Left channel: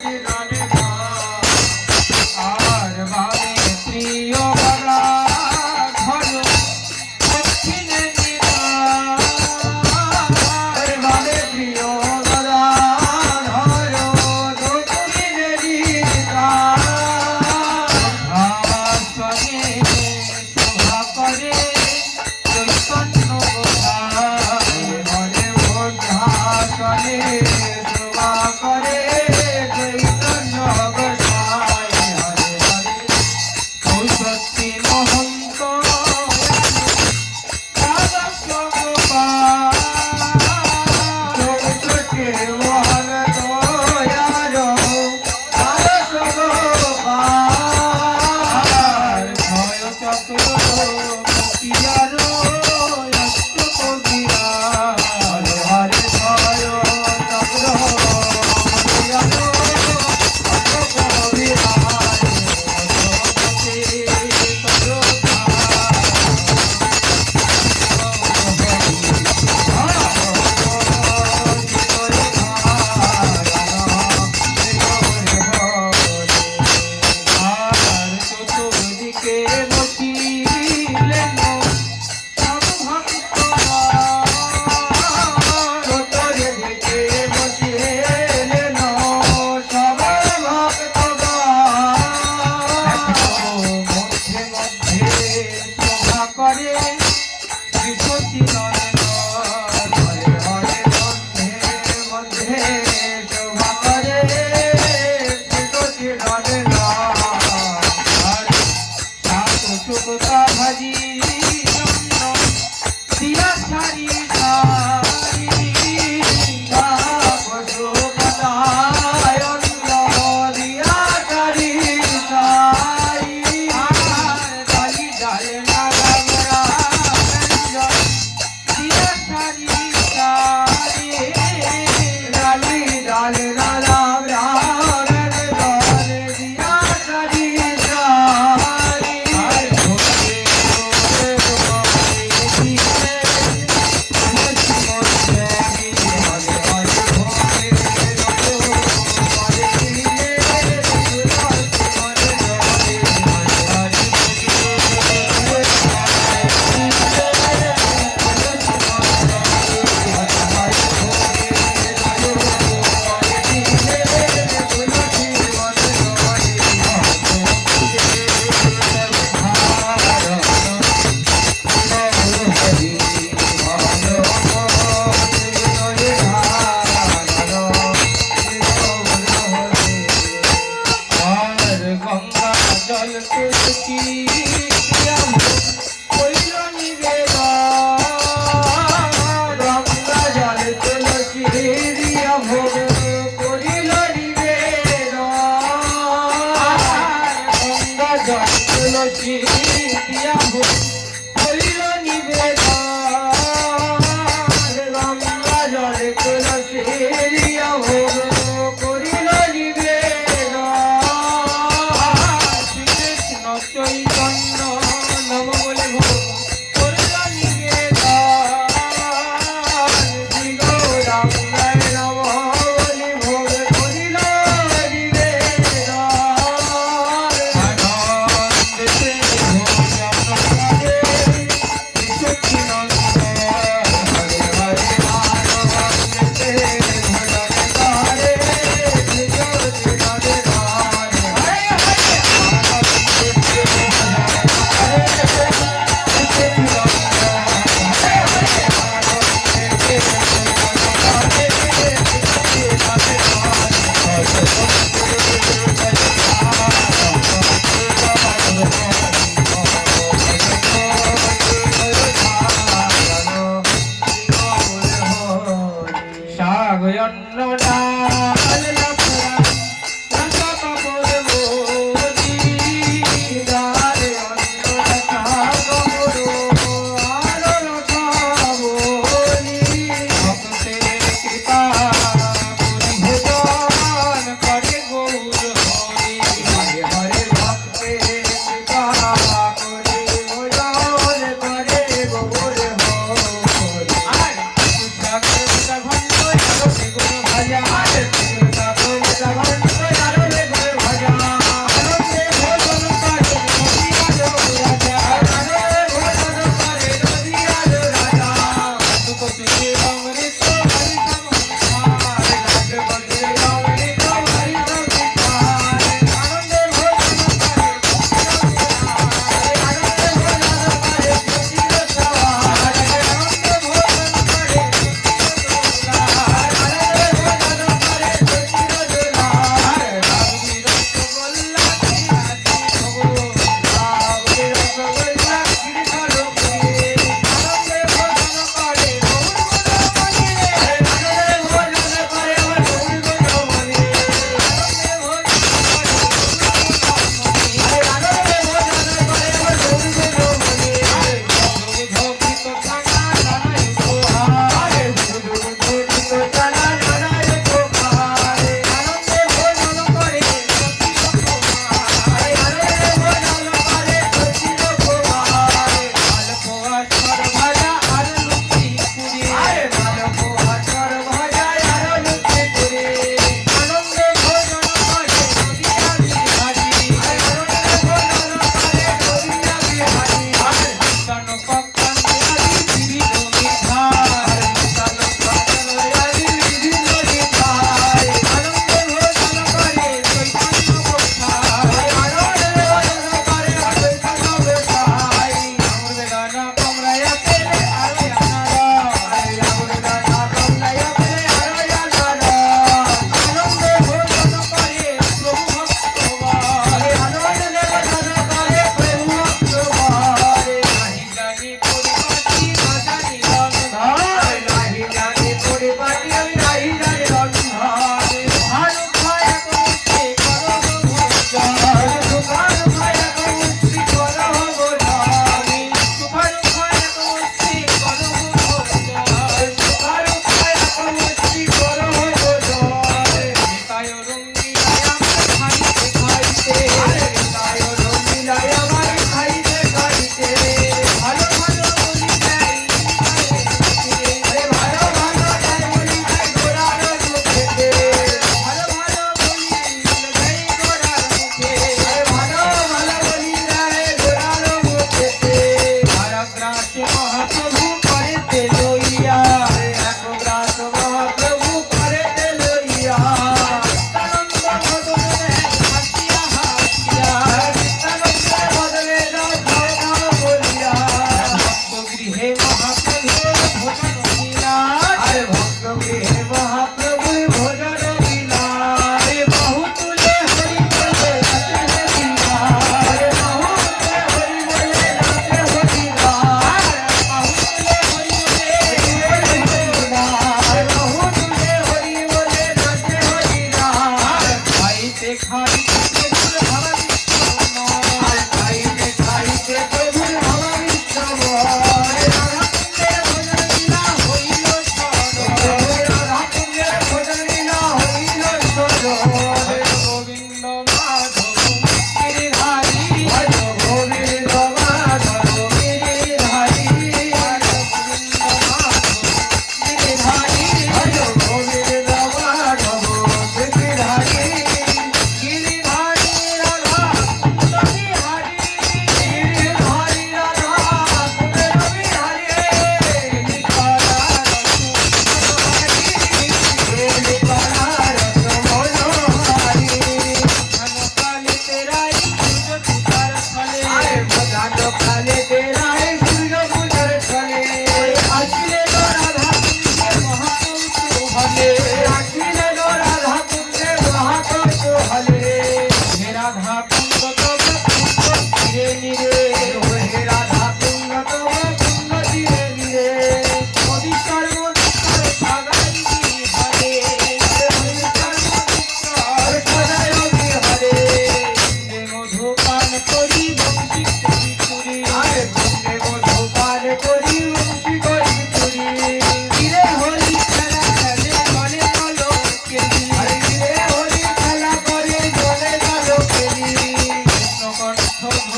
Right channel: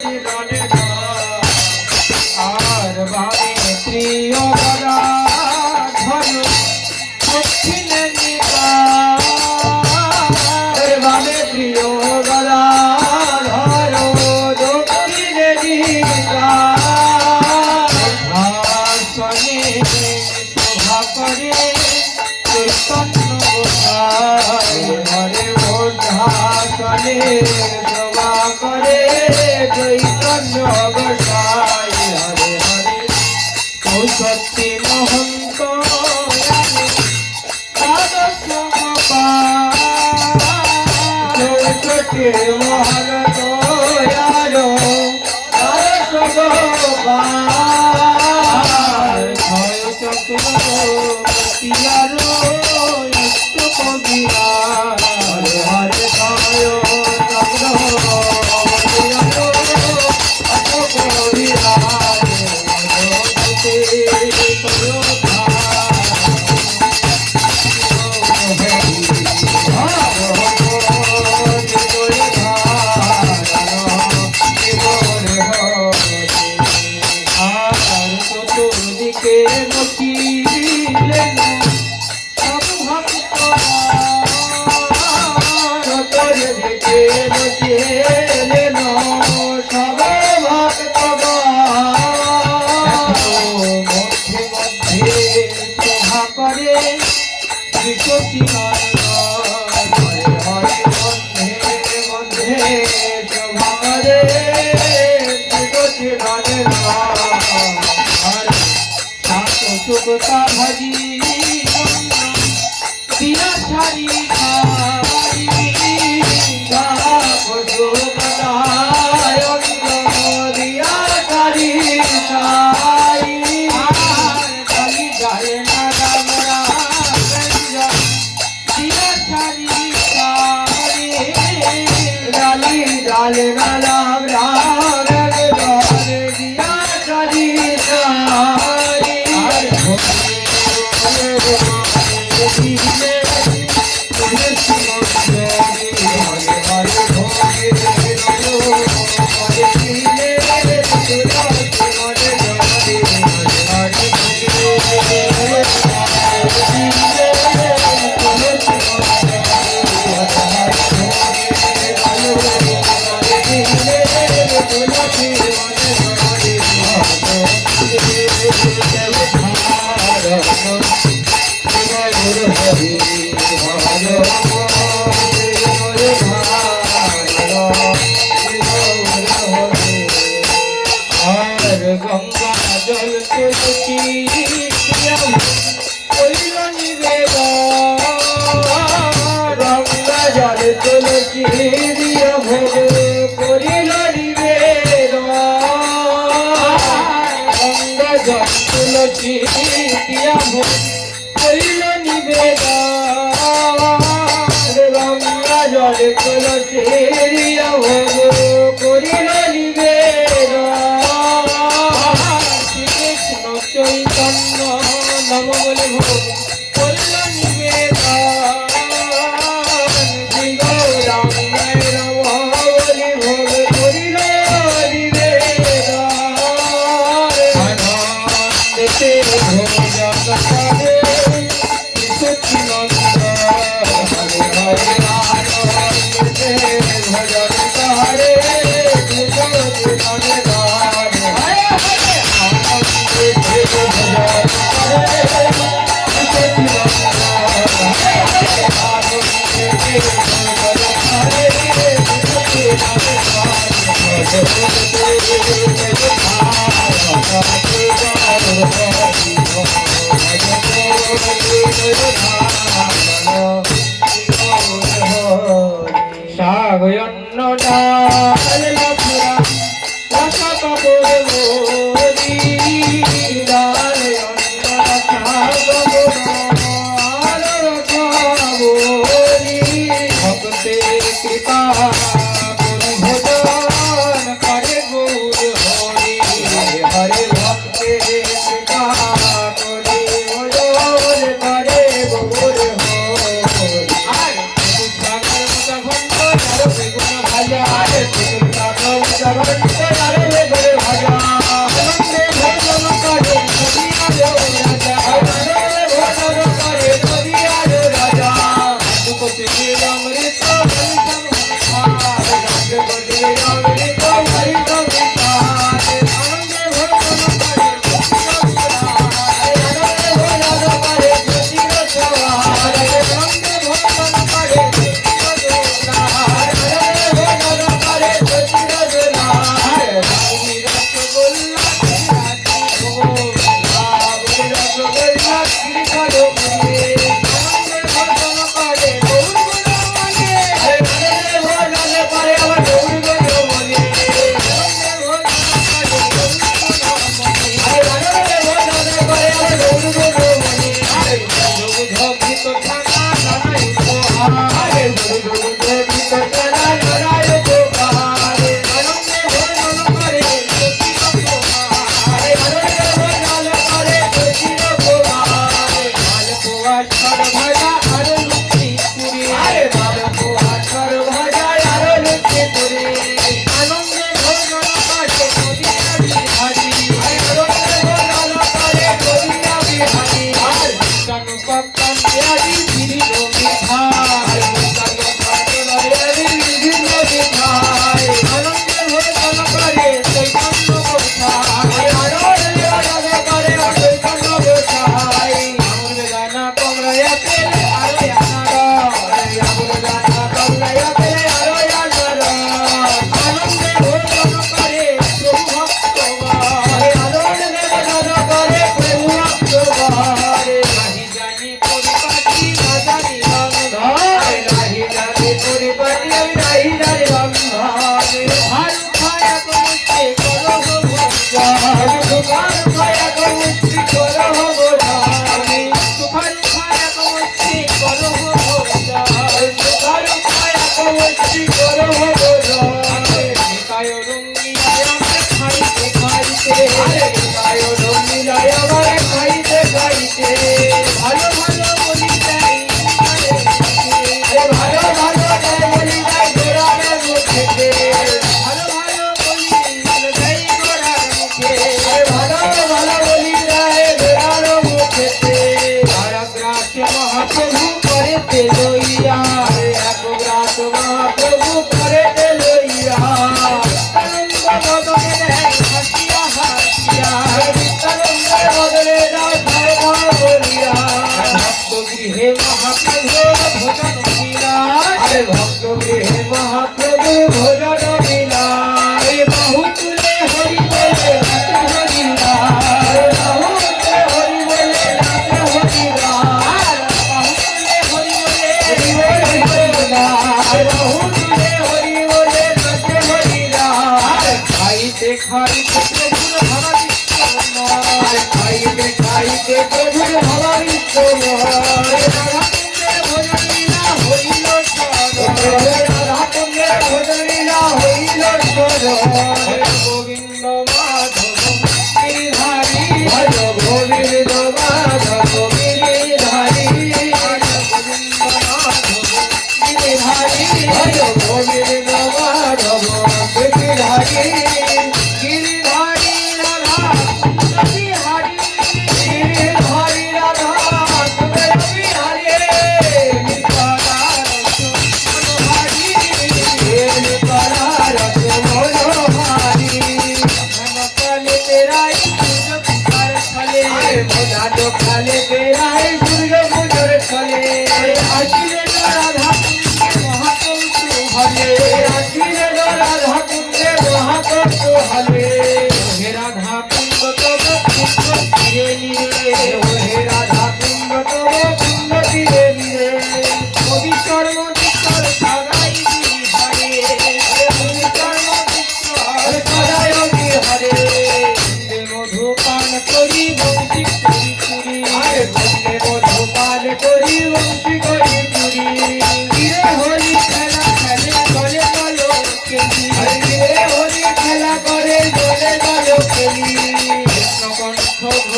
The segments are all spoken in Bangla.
Thank. Yeah. মধ্যে শোভা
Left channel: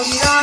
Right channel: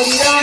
Bunda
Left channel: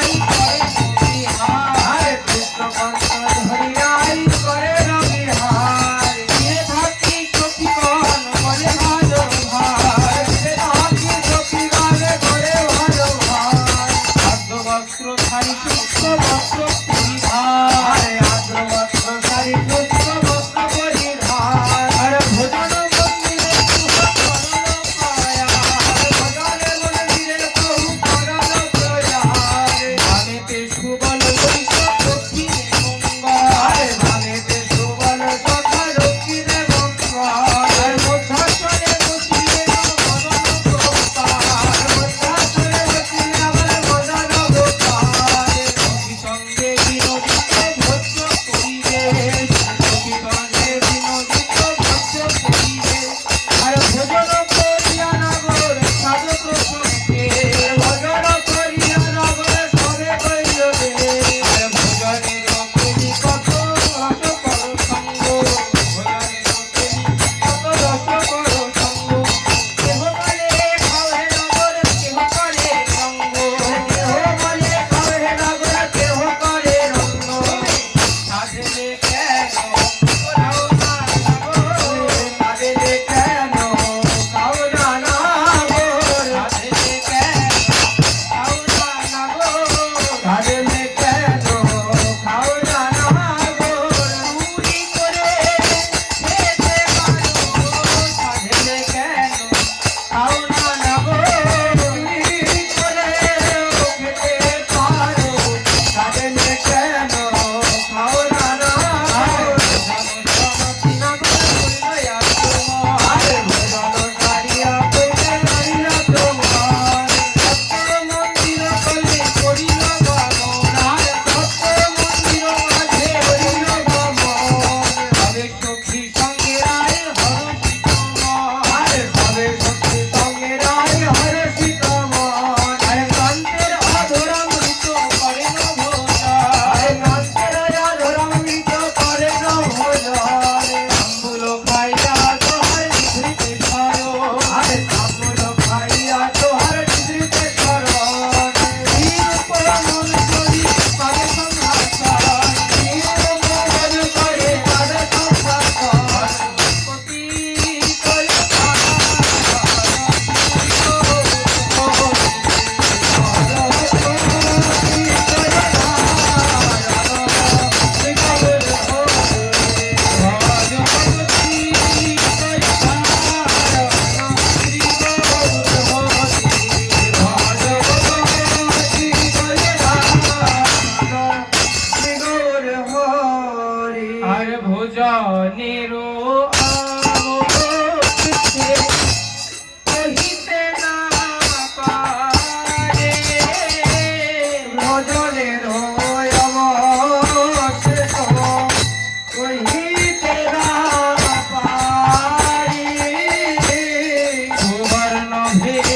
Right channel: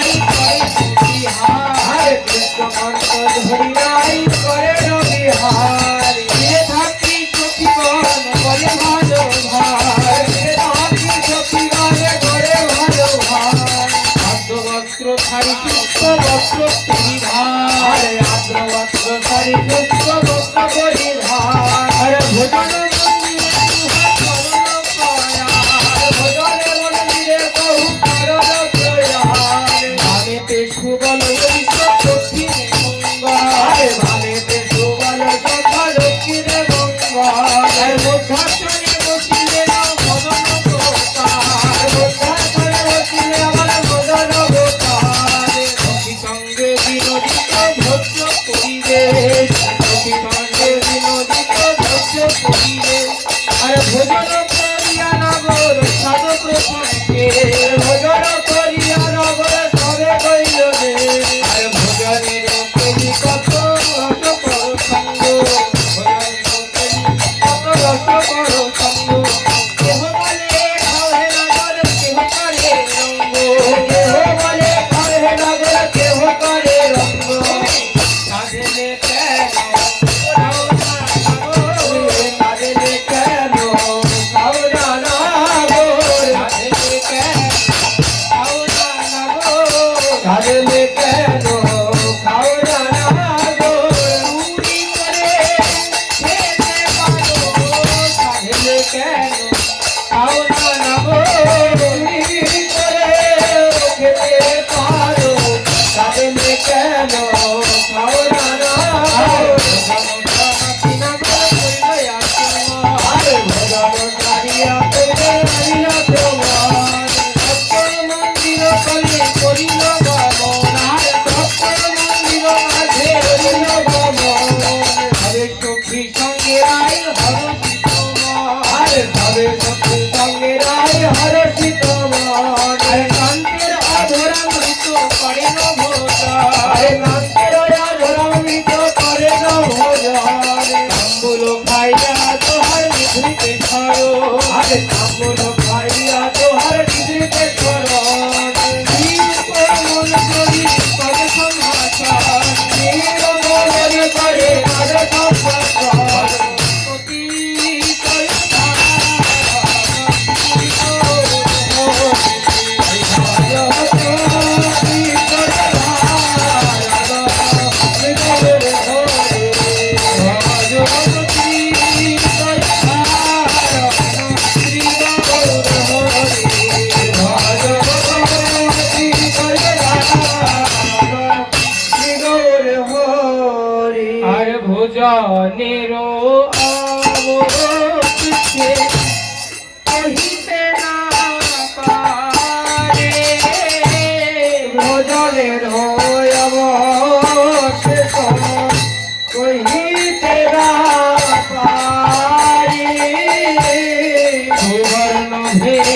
Yeah.